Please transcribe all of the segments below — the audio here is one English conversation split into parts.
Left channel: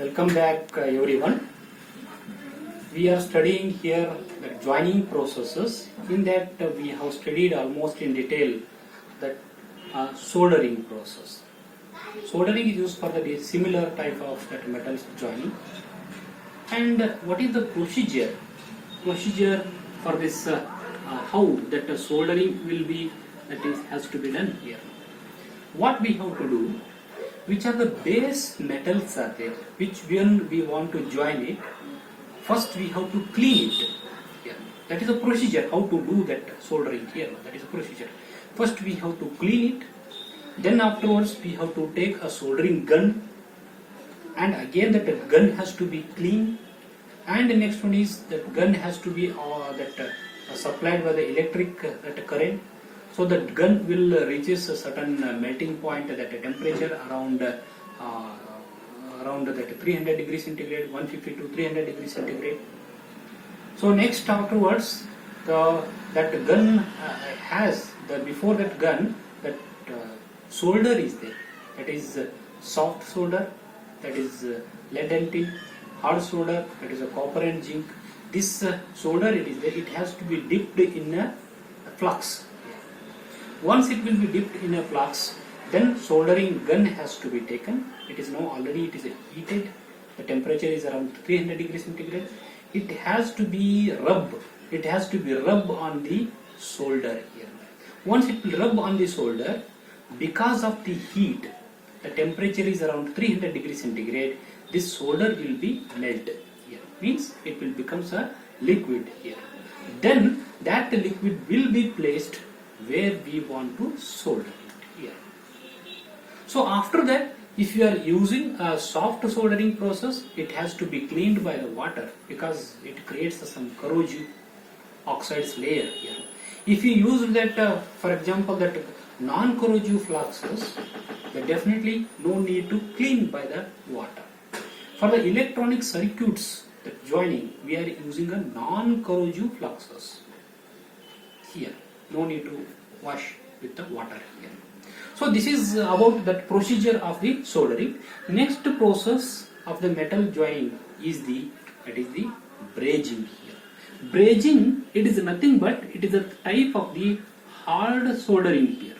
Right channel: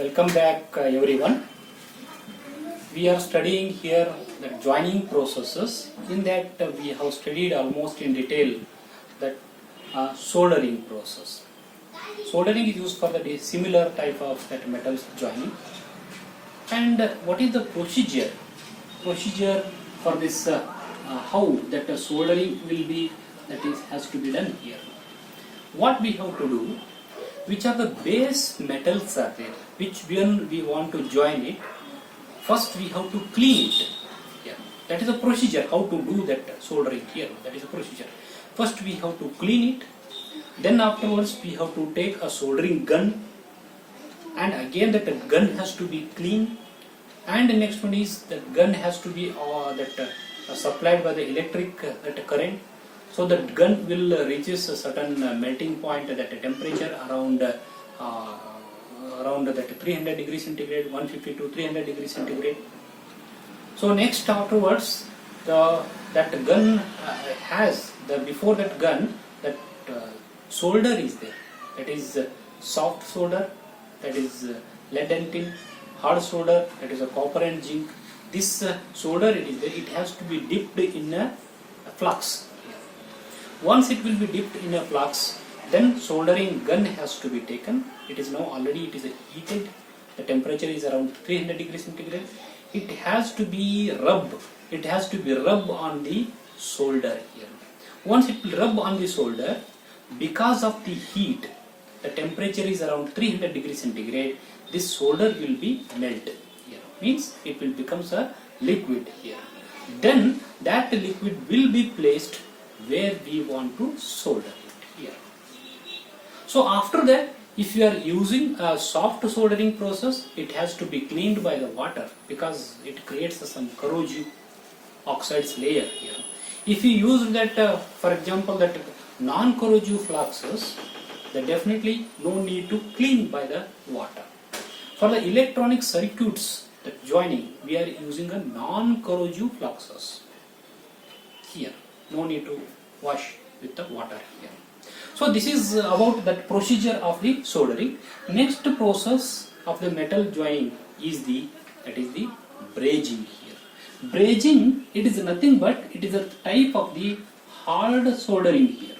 Welcome back everyone. We are studying here the joining processes. In that we have studied almost in detail that soldering process. Soldering is used for the similar type of that metals joining. And what is the procedure? Procedure for this how that soldering will be has to be done here. What we have to do? Which are the base metals are there, which when we want to join it, first we have to clean it. Yeah. That is a procedure, how to do that soldering here, that is a procedure. First we have to clean it, then afterwards we have to take a soldering gun, and again that gun has to be clean, and the next one is that gun has to be supplied by the electric current. So the gun will reaches a certain melting point at a temperature around that 300 degrees centigrade, 150 to 300 degrees centigrade. So next afterwards, that gun has before that gun that solder is there. That is soft solder, that is lead and tin. Hard solder, that is a copper and zinc. This solder it is there. It has to be dipped in a flux. Once it will be dipped in a flux, then soldering gun has to be taken. It is now already heated. The temperature is around 300 degrees centigrade. It has to be rubbed. It has to be rubbed on the solder here. Once it will rub on the solder, because of the heat, the temperature is around 300 degrees centigrade. This solder will be melted here. Means it will become a liquid here. Then that liquid will be placed where we want to solder it here. So after that, if you are using a soft soldering process, it has to be cleaned by the water because it creates some corrosive oxides layer here. If you use that, for example, that non-corrosive fluxes, then definitely no need to clean by the water. For the electronic circuits, the joining, we are using a non-corrosive fluxes here. No need to wash with the water here. So this is about that procedure of the soldering. Next process of the metal joining is the brazing here. Brazing, it is nothing but it is a type of the hard soldering here.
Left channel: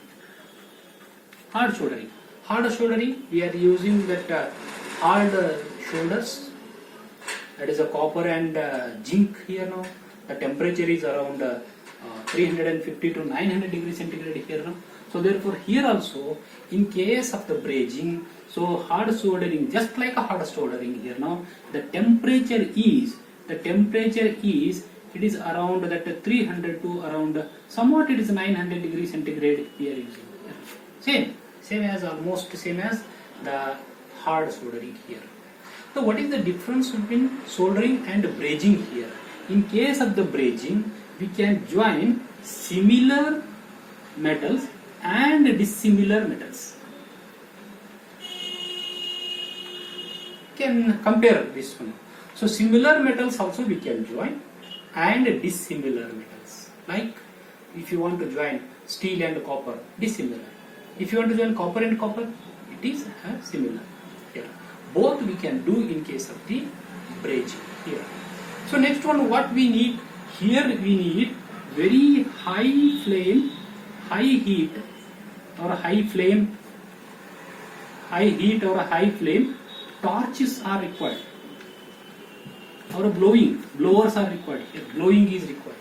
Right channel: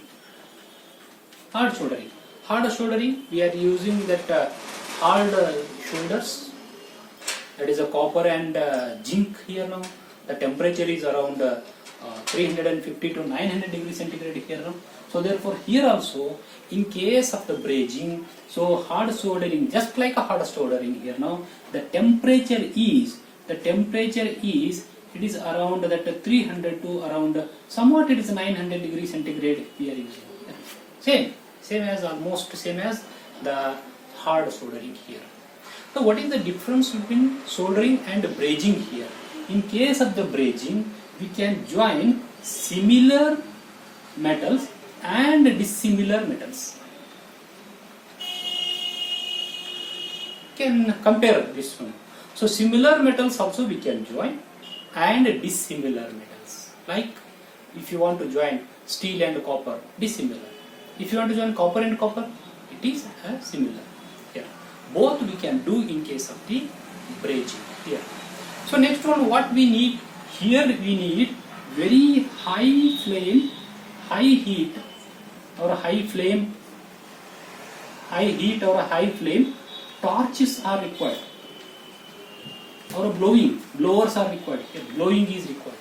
Hard soldering. Hard soldering, we are using that hard shoulders. That is a copper and zinc here now. The temperature is around 350 to 900 degrees centigrade here now. So therefore here also in case of the brazing, so hard soldering, just like a hard soldering here now, the temperature is it is around that 300 to around somewhat it is 900 degrees centigrade we are using. Same as almost same as the hard soldering here. So what is the difference between soldering and brazing here? In case of the brazing, we can join similar metals and dissimilar metals. Can compare this one. So similar metals also we can join and dissimilar metals. Like if you want to join steel and copper, dissimilar. If you want to join copper and copper, it is similar. Here. Both we can do in case of the brazing here. So next one, what we need here, we need very high flame, high heat or high flame, torches are required or blowers are required. Here, blowing is required.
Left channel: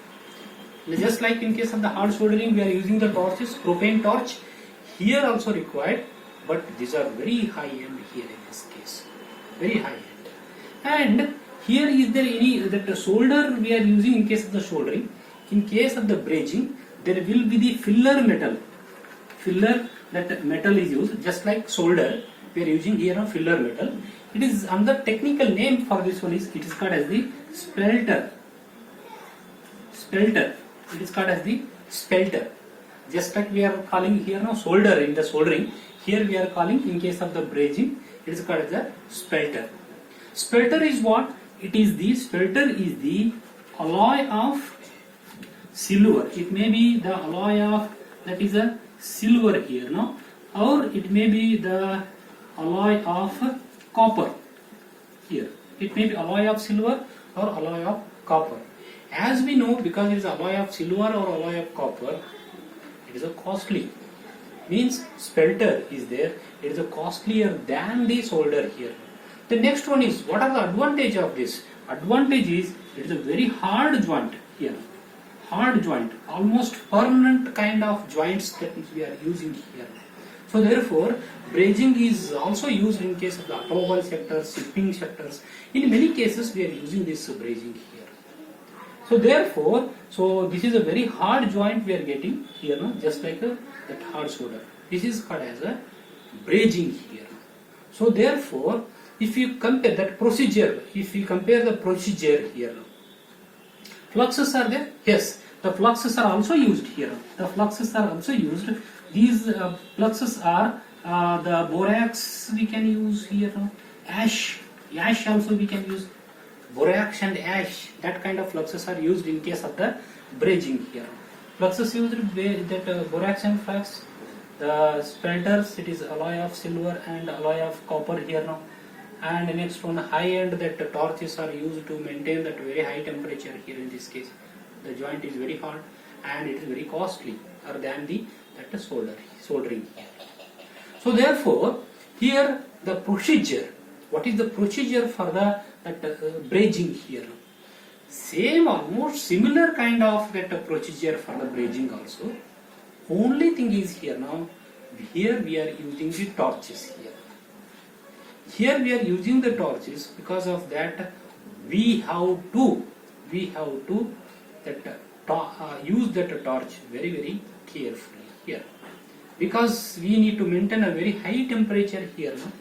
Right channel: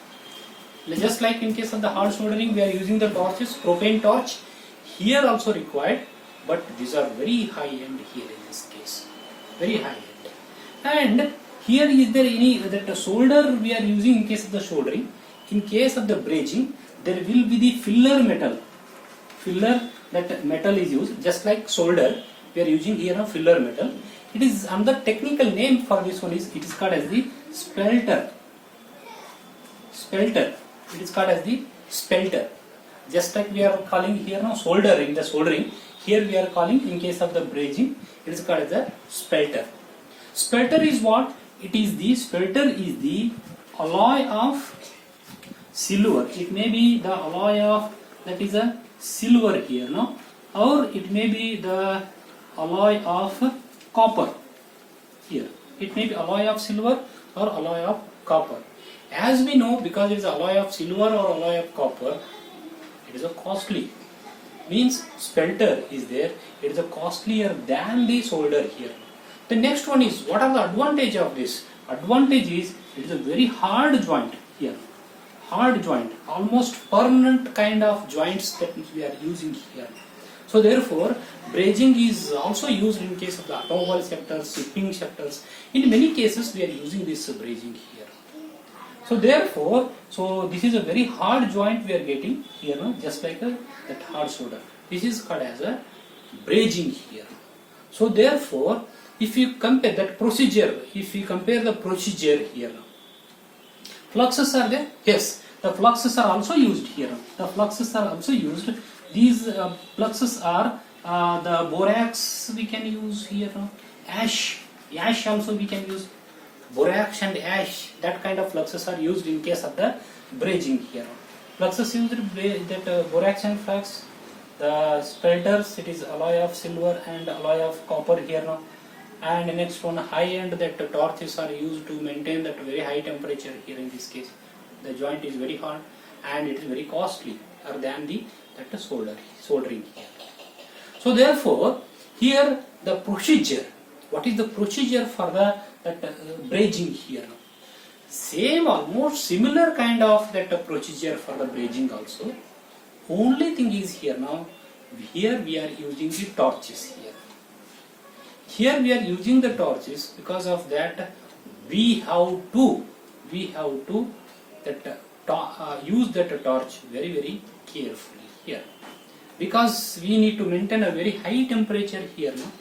Just like in case of the hard soldering, we are using the torches, propane torch. Here also required, but these are very high end here in this case, very high end. And here is there any that solder we are using in case of the soldering. In case of the brazing, there will be the filler metal. Filler, that metal is used just like solder. We are using here a filler metal. It is another technical name for this one is it is called as the spelter. Spelter. It is called as the spelter. Just like we are calling here now solder in the soldering. Here we are calling in case of the brazing. It is called as the spelter. Spelter is what? It is the spelter is the alloy of silver. It may be the alloy of that is a silver here, no? Or it may be the alloy of copper. here. It may be alloy of silver or alloy of copper. As we know, because it is alloy of silver or alloy of copper, it is a costly. Means spelter is there, it is a costlier than the solder here. The next one is, what are the advantage of this? Advantage is, it is a very hard joint here. Hard joint, almost permanent kind of joints that we are using here. So therefore, brazing is also used in case of the automobile sector, shipping sectors. In many cases, we are using this brazing here. So therefore, this is a very hard joint we are getting here, no? Just like that hard solder. This is called as a brazing here. So therefore, if you compare that procedure, if we compare the procedure here, fluxes are there? Yes, the fluxes are also used here. The fluxes are also used. These fluxes are the borax we can use here, no? Ash also we can use. Borax and ash, that kind of fluxes are used in case of the brazing here. Fluxes used that borax and flux. The spelters, it is alloy of silver and alloy of copper here now. And the next one, high end, that torches are used to maintain that very high temperature here in this case. The joint is very hard and it is very costly than that soldering. So therefore, here the procedure, what is the procedure for that brazing here? Same, almost similar kind of that procedure for the brazing also. Only thing is here now, here we are using the torches here. Here we are using the torches, because of that we have to use that torch very, very carefully here, because we need to maintain a very high temperature here now.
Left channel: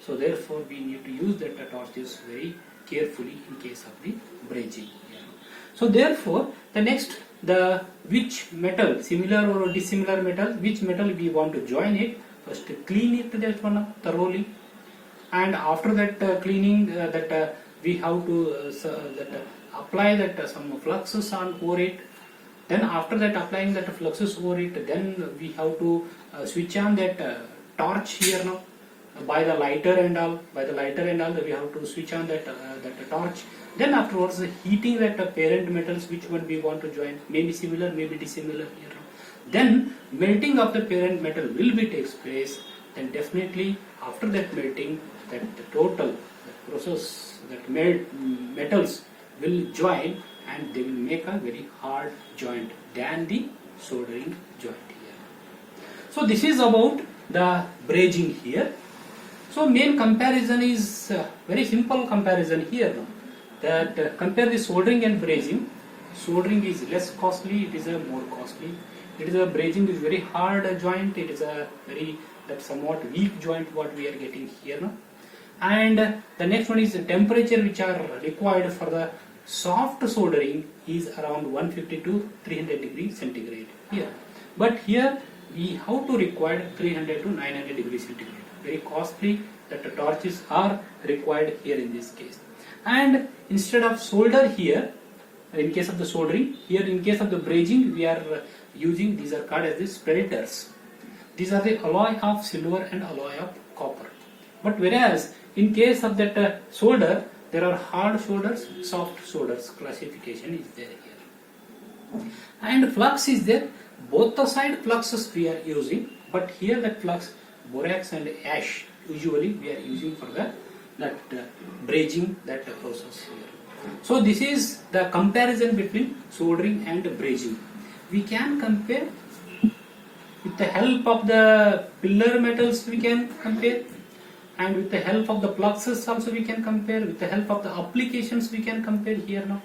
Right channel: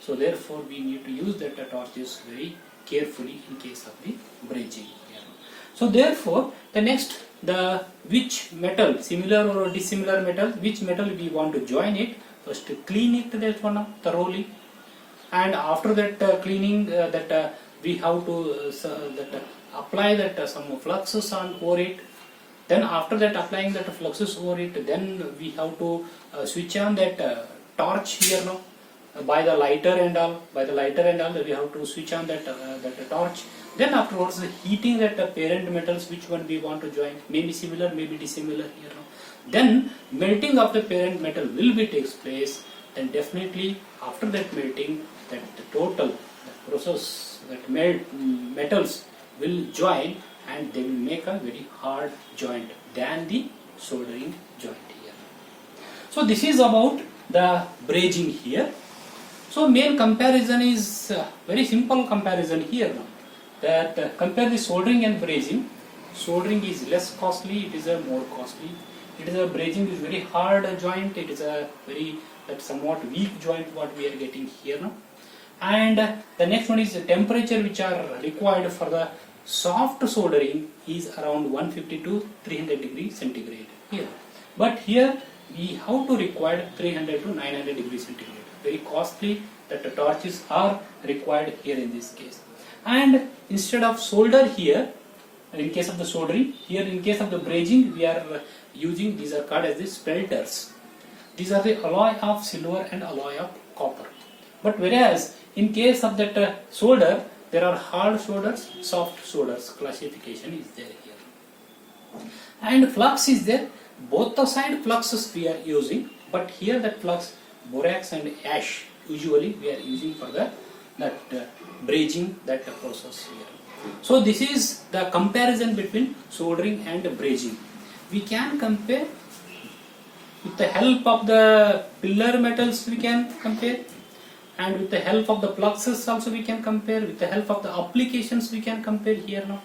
So therefore we need to use that torches very carefully in case of the brazing. So therefore, the next, the which metal, similar or dissimilar metal, which metal we want to join it, first clean it that one thoroughly, and after that cleaning, we have to apply that some fluxes over it. Then after that applying that fluxes over it, then we have to switch on that torch here now. By the lighter and all, we have to switch on that torch. Then afterwards, heating that parent metals, which one we want to join, maybe similar, maybe dissimilar here. Then melting of the parent metal will be takes place. Then definitely after that melting, that the total process, that metals will join and they will make a very hard joint than the soldering joint here. So this is about the brazing here. So main comparison is very simple comparison here now. That compare the soldering and brazing. Soldering is less costly, it is a more costly. It is a brazing is very hard joint, it is a very somewhat weak joint what we are getting here now. And the next one is the temperature which are required for the soft soldering is around 150 to 300 degrees centigrade here. But here we have to require 300 to 900 degrees centigrade. Very costly that the torches are required here in this case. And instead of solder here, in case of the soldering, here in case of the brazing, we are using, these are called as the spelters. These are the alloy of silver and alloy of copper. But whereas in case of that solder, there are hard solders, soft solders, classification is there here. And flux is there, both the side fluxes we are using, but here that flux, borax and ash, usually we are using for that brazing that process here. So this is the comparison between soldering and brazing. We can compare with the help of the pillar metals, we can compare, and with the help of the fluxes also we can compare, with the help of the applications we can compare here now,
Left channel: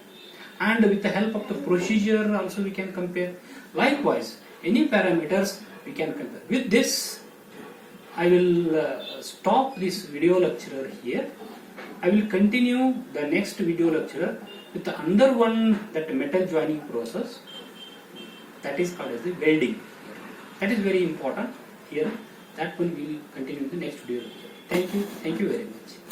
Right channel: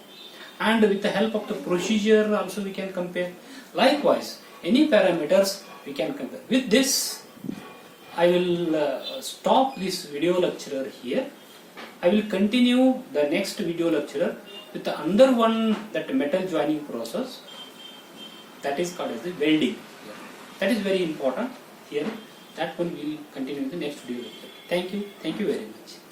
and with the help of the procedure also we can compare. Likewise, any parameters we can compare. With this, I will stop this video lecture here. I will continue the next video lecture with another one, that metal joining process, that is called as the welding. That is very important here. That one we will continue in the next video lecture. Thank you very much.